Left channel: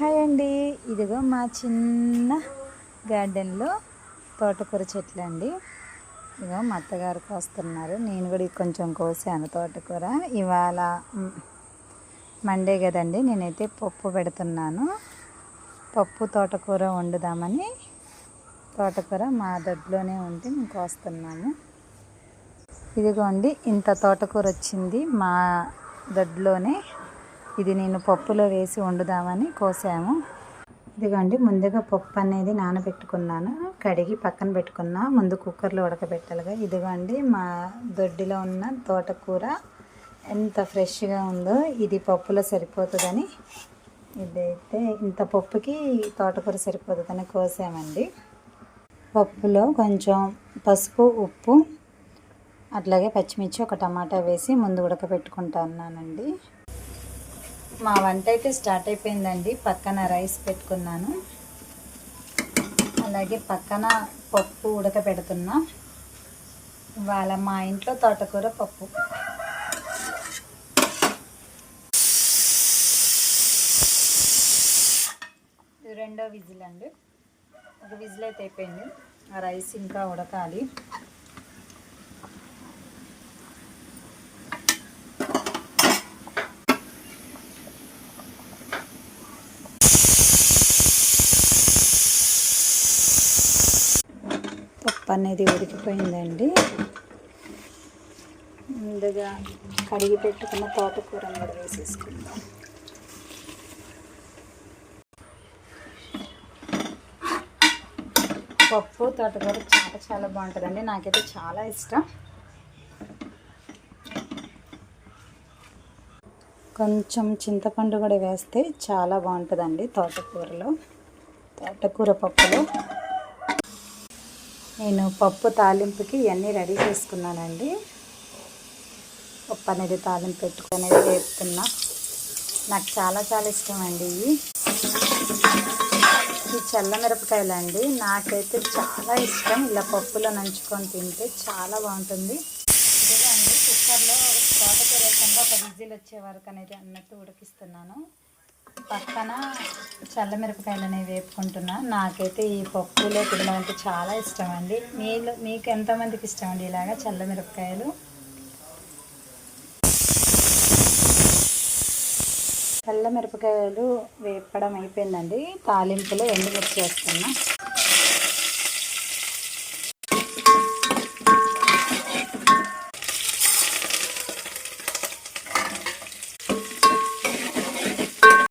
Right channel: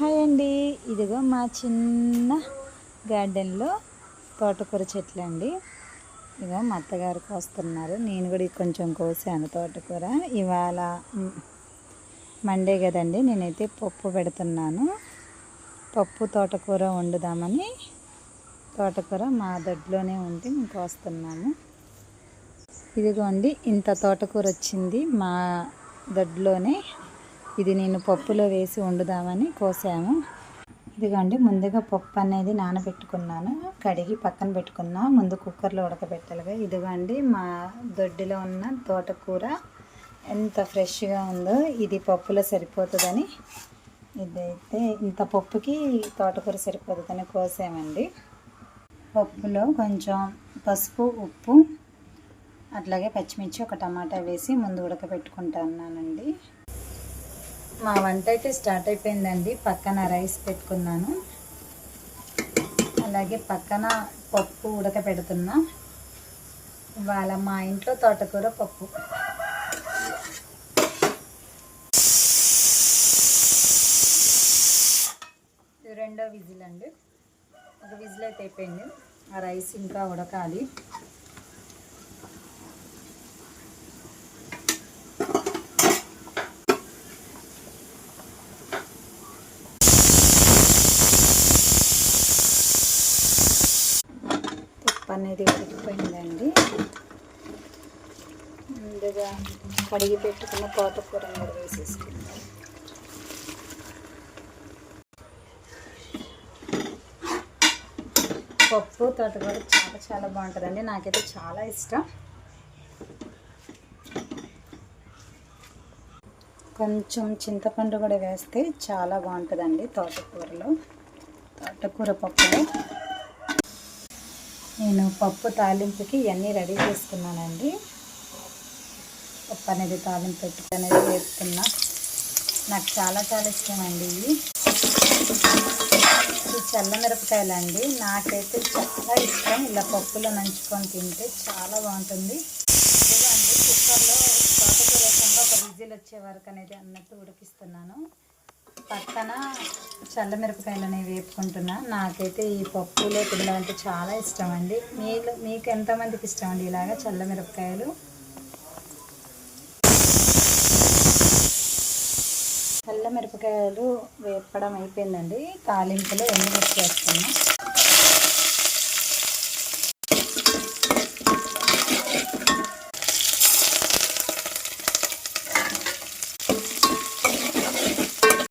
Hi అండి, ఇదిగో మా చిన్న గార్డెన్లో తోటకూర చెట్లు అండి. ఇదిగో మా అత్తగారు కోస్తున్నారు, నేను కూడా కొంచెం కోసాను తోటకూర. ఇవాళ మండే కదండి, నేనైతే పప్పు పెడుతున్నాను. పప్పు తోటకూర వండుదామని తోటకూర మా దొడ్లోనే ఉంటే మేము కోస్తున్నాము. ఇదిగోండి, ఇంత తోటకూర వచ్చింది మా దొడ్లోనే. ఇది నేను పప్పులో వేసి వండుదామని కోసాము. ఇదిగోండి, ముందుగా పప్పు అనేది నానబెట్టుకున్నాను, కడిగి పక్కన పెట్టుకున్నా. ముందు కుక్కర్లో ఉడకబెట్టాలిగా. ఇదిగోండి, మా దొడ్డిలో ఉన్న తోటకూర ఎంత ఫ్రెష్గా ఉందో. ఇది పప్పులో సరిపోతుందని, ఇదైతే ఇంత పప్పుకి తోటకూర సరిపోతుందని కోసామండి. పప్పులో కొంచెం పసుపు, ఉప్పు, అట్లాగే పచ్చిమిర్చి, ఒక టమాటా వేసి ముందు ఉడకబెట్టుకుంటున్నానండి. మా వంట అయితే స్టార్ట్ అయిపోయిందండి. పక్కన రైస్ పెట్టుకున్నాను, అలాగే పక్కన పప్పు ఉడకబెడుతున్నా. ఇవాళ మా ఇంట్లో తోటకూర పప్పు. ఇది రెండో విజిల్ అండి. ఒక విజిల్ అయితే అయిపోయింది. ఆ రైస్ ఇంకా ఉడకాలి. పప్పు అనేది ఉడికిపోయిందండి. ముందుగా కడిగి పెట్టుకున్న తోటకూరను కూడా వేసేసుకుందాం. పప్పు తోటకూర చాలా బాగుంటుందండి, నాకైతే చాలా ఇష్టం. కొంచెం చింతపండు కూడా వేస్తే చాలా బాగుంటుందండి తోటకూరలో, తోటకూర పప్పులో. నేను పప్పు తాలింపుకి ఇవన్నీ రెడీ చేసుకున్నానండి. పప్పు అనేది తాలింపు పెట్టుకొని వేస్తున్నా. నాకు చాలా ఇష్టం అండి ఇవి. ఈ చల్ల మిరపకాయలు అండి, నాకైతే చాలా ఇష్టం. ఇలా పప్పులో నంచుకొని తింటే చాలా బాగుంటుంది. ఇదండి, కుక్కర్లో తోటకూర వేసంగా ఒక విజిల్ వచ్చే వరకు అనేది అన్నట్టు ఉడికిస్తున్నాను. పక్కన చల్ల మిరపకాయలు అనేవి వేపుకుంటున్నా. నాకైతే ఈ పప్పులో తినడం అంటే చాలా ఇష్టం అండి. మీకు ఎంతమందికి ఇష్టం అండి ఇలాగా చల్ల మిరపకాయలు? చల్ల మిరపకాయలు వేపడం అయిపోయిందండి. తాలింపులో ఎండుమిర్చి వేస్తున్నా.